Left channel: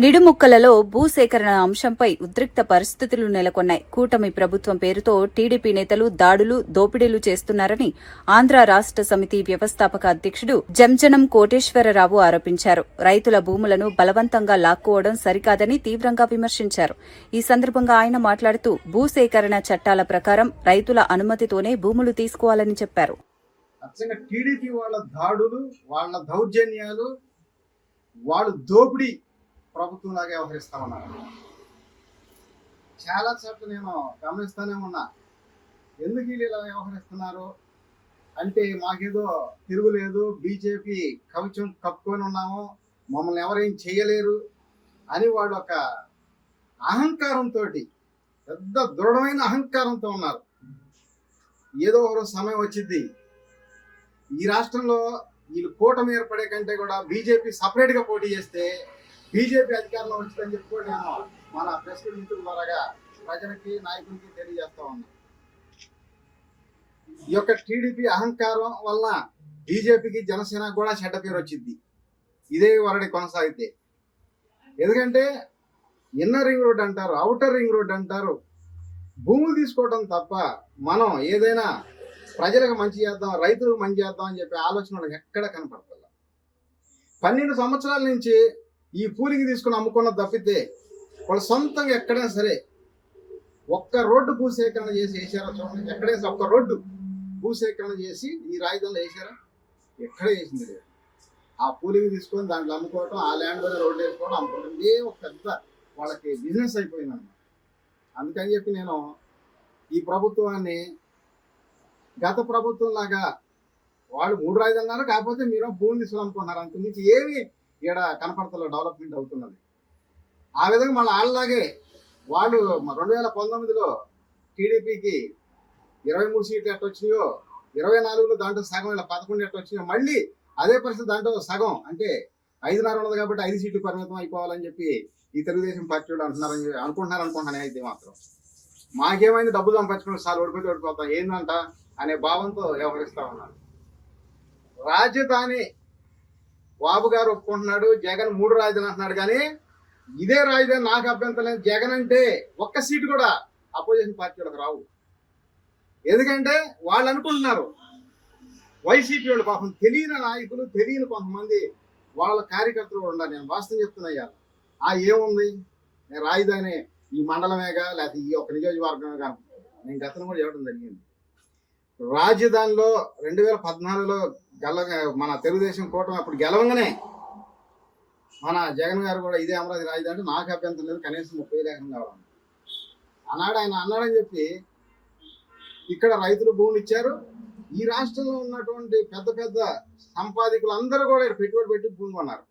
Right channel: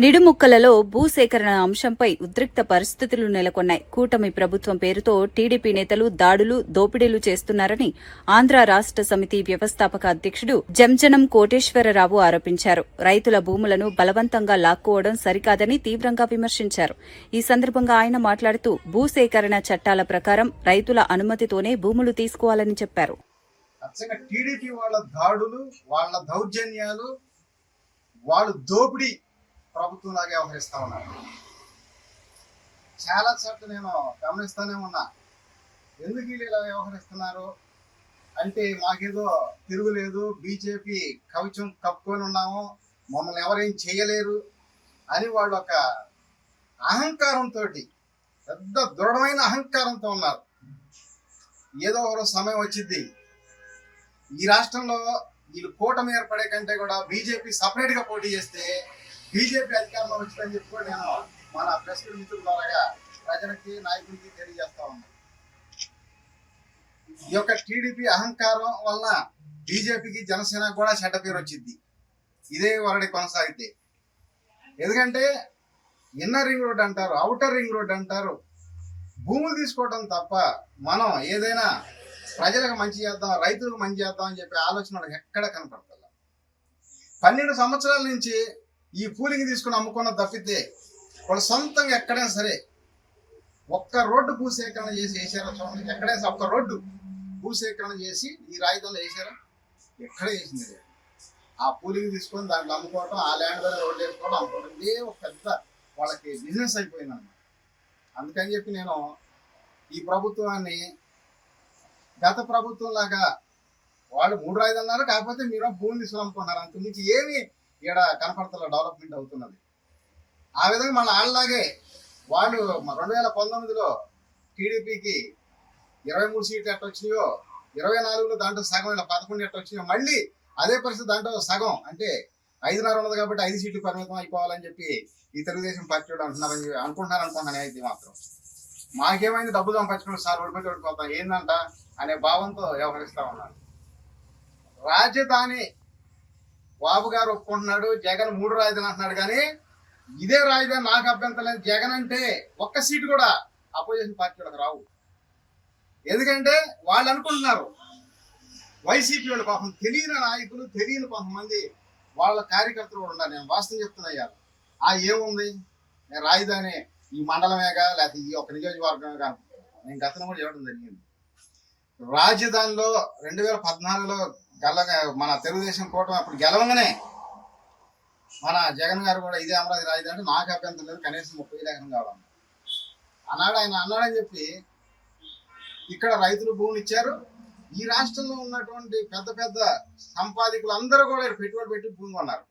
నిడుముక్కలలో భూసేకరణ అంశంపై ఉద్రిక్త పరిస్థితులు నెలకొన్నాయి. కూటమి ప్రభుత్వం పేరుతో టీడీపీ నేతలు దాడులు, దోపిడీలు చేస్తున్నారని ఆంధ్ర రాష్ట సమితి వ్యవస్థాపక అధ్యక్షుడు జంజనం కోటేశ్వరరావు ఆరోపించారు. రైతుల భూములను బలవంతంగా లాక్కోవడం సరికాదని తీవ్రంగా విమర్శించారు. ఈ సందర్భంగా ఆయన మాట్లాడుతూ భూసేకరణ చట్టాల ప్రకారం రైతుల అనుమతితోనే భూములు తీసుకోవాలని చెప్పారు. టీడీపీ వాళ్ళ దాడులు, వాళ్ళ దౌర్జన్యాలు, వాళ్ళు దోపిడీ ప్రభుత్వంలాగా వ్యవహరిస్తా ఉన్నారు. చాలా చోట్ల నేను గమనిస్తానే ఉన్నా. ఎందుకు వీళ్ళు ఇలా వ్యవహరిస్తున్నారు అంటే మాకేదో తిరుగులేదు, బీజేపీ కవచం కప్పుకొని ఉన్నాము, మమ్మల్ని ఎవరేం చేయలేరు అని వాళ్ళు ఒక అహంకారంతో, పెద్ద దృఢమైన అహంకారంతో ఉన్నారు. ఏదో ఒక సమయం వచ్చింది, ఈ రాష్ట్రంలో వీళ్ళు కూటమి ఏర్పడే కంటే కూడా బీజేపీ సపరేట్గా పోటీ చేస్తే బీజేపీ అధికారంలో వచ్చిందని చెప్పి నేను మన ప్రెస్ మిత్రుల ద్వారా ప్రజలకి, నాయకులకి తెలియజేస్తా ఉన్నా. ఈ యొక్క టీడీపీ అహంకారం వలన బీజేపీకి, జనసేన కూడా చెడ్డ పేరు వచ్చింది ఇదే వరడి కొనసాగితే. ఎందుకంటే ఇన్నర్ రింగ్ రోడ్ అంటారు, అవుటర్ రింగ్ రోడ్ అంటారు, భూములు తీసుకోవడం తప్ప మనం ఏదైనా ప్రజలకు మంచి చేద్దాం, రైతులకు మంచి చేద్దాం అని చెప్పి ఆలోచన ఎక్కడ కనపడతారు. 12 సంవత్సరాల నుంచి ఈ పూలింగ్ తీసుకుని అమ్ముకున్న తప్పితే వాళ్ళు సొంతంగా ఎక్కడైనా సరే ఒక్క రోడ్డు భూసేకరణ చేసి వేసారా చూడండి. ఎక్కడైనా ఒక్క రోడ్డు భూసేకరణ చేసి ఈ రాజధానిలో వేసారా? ఎక్కడే చేసింది లేదు. ఆ పూలింగ్ తీసుకొని దాంట్లో అమ్ముకోవటం, ఆ ల్యాండ్ మీద రోడ్డు వేసుకోవడం, అమ్ముకోవడం, ఇదే ఒక పెద్ద వాళ్ళకి బిజినెస్ అయిపోయింది అన్నమాట. అందుకని చెప్పి నేను ఈ ప్రభుత్వాన్ని గత ప్రభుత్వం లాగా వాళ్ళు 3 రాజధానులు అన్నారు, కాకపోతే మీరు భూమి తీసుకుని అమ్ముకుంటున్నారు. అంతకుమించి ఏమి ఇక్కడ కనపడతలో డెవలప్మెంట్ అవుతున్నది. ఆ విధంగా మళ్ళీ వాళ్ళలాగే వాళ్ళు 2019లో టీడీపీకి 23 సీట్లు ఎట్ట వచ్చినాయో, 24లో దాంట్లో సగం, ఇలా 11 ఎట్ట వచ్చినాయో, మళ్ళీ అదే పరిస్థితి దాంట్లో సగం అంటే 5.5 ఉన్నది కాబట్టి 5 సీట్లు పరిమితం అయిపోవాలని చెప్పి ఈ తెలుగుదేశం పార్టీ వాళ్ళు అనుకుంటున్నాను. అయితే మాత్రం మాకేమైంది, డబ్బు సంపాదించుకుని సార్ ఓడిపోతే ఓడిపోతాం ఏందంట అనే భావంతో వ్యవహరిస్తా ఉన్నారు. రాజధాని బాబు గారు ఒప్పుకుంటున్నాడు, జగన్ 3 రాజధాని అంటున్నాడు, కానీ ఇదే రాజధాని నాకు అభ్యంతరం లేదు. జగన్ అంటే ఒక్క సీటు కూడా అపోజిషన్ పార్టీ వాళ్ళకి రావు. ఎందుకంటే వాళ్ళు అనుకుంటున్నారు, వైసీపీ వాళ్ళు పాపం తెలియని నాయకులు, తెలియని కొంతమంది వాళ్ళ కార్యకర్తలు కూడా ఉన్నారు. నేను వాస్తవం చెప్తున్నా. ఏముంది, రాజధాని ఈ మండలమేగా లేకపోతే ఈ ఒక్క నియోజకవర్గమేగా నేను గతంలో కూడా చెప్పడం జరిగింది. రాజధానిలో 2014లో మన తెలుగుదేశం కూటమి అప్పుడు గెలవంగానే మన జగన్ గారు కూడా ఇదే అమరావతి రాజధాని అంటే నాకు అభ్యంతరం లేదు, కనీసం 30 ఎకరం కావాలి అన్నాడు. ఆయన అన్నాడని చెప్పి ఇక్కడ రైతులు భూములు ఇచ్చారు. ఈ రాష్ట్రంలో ఉన్నటువంటి పెద్ద పెద్ద సంపాదకులు అందరూ కూడా పెట్టుబడి పెట్టి భూమి కొన్నారు.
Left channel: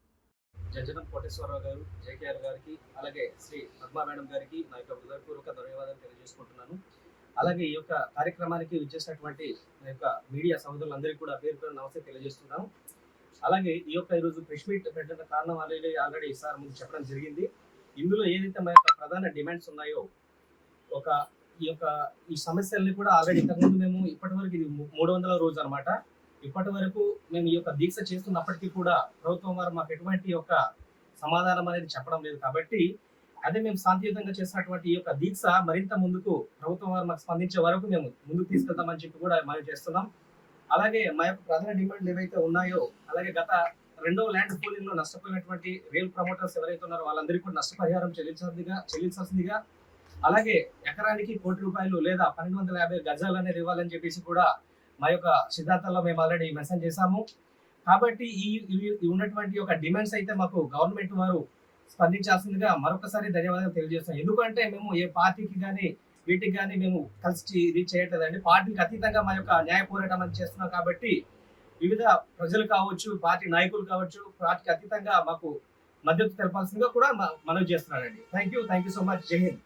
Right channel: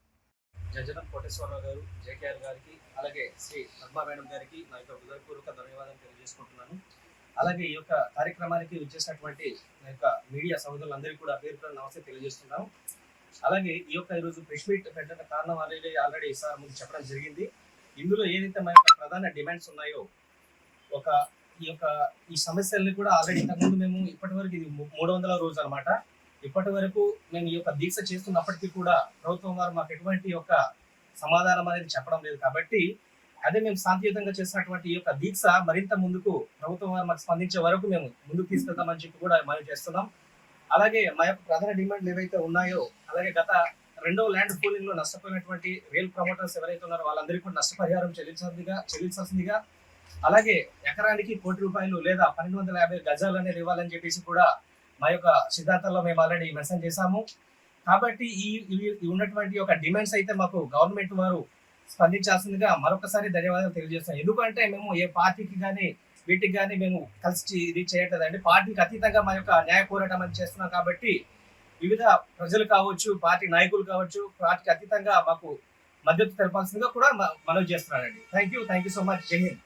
జంజనం కోటేశ్వరరావు గారు, జేకేఆర్ గారికి, అలాగే శ్రీ పద్మా మేడం గారికి నా యొక్క హృదయపూర్వక ధన్యవాదాలు తెలియజేసుకుంటున్నాను. అలాగే ఈ యొక్క కార్యక్రమానికి విచ్చేసినటువంటి నా యొక్క మీడియా సోదరులందరికీ కూడా పేరుతో నమస్తే తెలియజేస్తున్నాను. అలాగే ఈ యొక్క ఈరోజు ప్రెస్ మీట్ పెట్టిన కారణం ఆల్రెడీ సార్ ముందు చెప్పడం జరిగింది. ఇందులో ఏదైతే మన యొక్క ప్రధాన డిమాండ్స్ ఉన్నాయో, ఈ సమస్యల్ని కూడా ఆల్రెడీ ఇంతకుముందు మేము ఇప్పటి వరకు ఇది 300వ రోజు అనమాట. ఇప్పటి వరకు మేము ఈ యొక్క దీక్ష చేస్తున్నప్పటికీ కూడా ప్రభుత్వం వారు మాకు ఎటువంటి యొక్క సమాధానం అనేది చెప్పడం లేదు. కాబట్టి అదే మేము శాంతియుతంగా చేసినటువంటి ఈ యొక్క దీక్ష మరింత ముందుకు ప్రభుత్వం వారు మాకు స్పందించే వరకు మేము ముందుకు తీసుకెళ్తామని చెప్పి కూడా మనం చేస్తున్నాం. అలాగే మా యొక్క ప్రధాన డిమాండ్లు ఏవైతే ఉన్నాయో, అలాగే గత 2వ ల్యాండ్ పూలింగ్ లో నష్టపోయినటువంటి రియల్ ప్రమోటర్స్ ఎవరైతే ఉన్నారో వాళ్ళందరికీ కూడా నష్టపరిహారం చెల్లించాల్సిందిగా, అలాగే ఎకరానికి ₹1,00,00,000 లేదా 1250 గజాలు అనేది ఇవ్వాలని చెప్పేసి కూడా మా యొక్క సిద్ధాంతాల్లో మేము ఆల్రెడీ మెన్షన్ చేశాము. కాబట్టి ఈ ఉన్నటువంటి ఒక డిమాండ్స్ అయితే మాకు గవర్నమెంట్ వారు స్పందించాల్సిందిగా మరొకసారి ధన్యవాదాలు తెలియజేస్తాం. ఎందుకంటే మేము ఏ పార్టీకి కానీ వీటికి కానీ మేము కలిసి ఇది చేయట్లేదండి. పార్టీకి అతీతంగా మా యొక్క న్యాయ పోరాటం అని చేస్తున్నాం. కాబట్టి వివిధ ప్రజలు కావచ్చు, పార్టీ నాయకులు కావచ్చు, పార్టీకి అతీతంగా మాకు మద్దతు తెలపాల్సిందిగా కూడా మనవి చేస్తున్నానండి. Thank you so much. జై హింద్.